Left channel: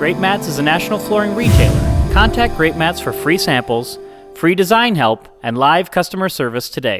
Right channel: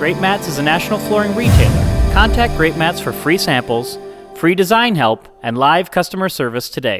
Greatmats is a national flooring retailer. Contact Greatmats for free samples, free design help, and live customer service today.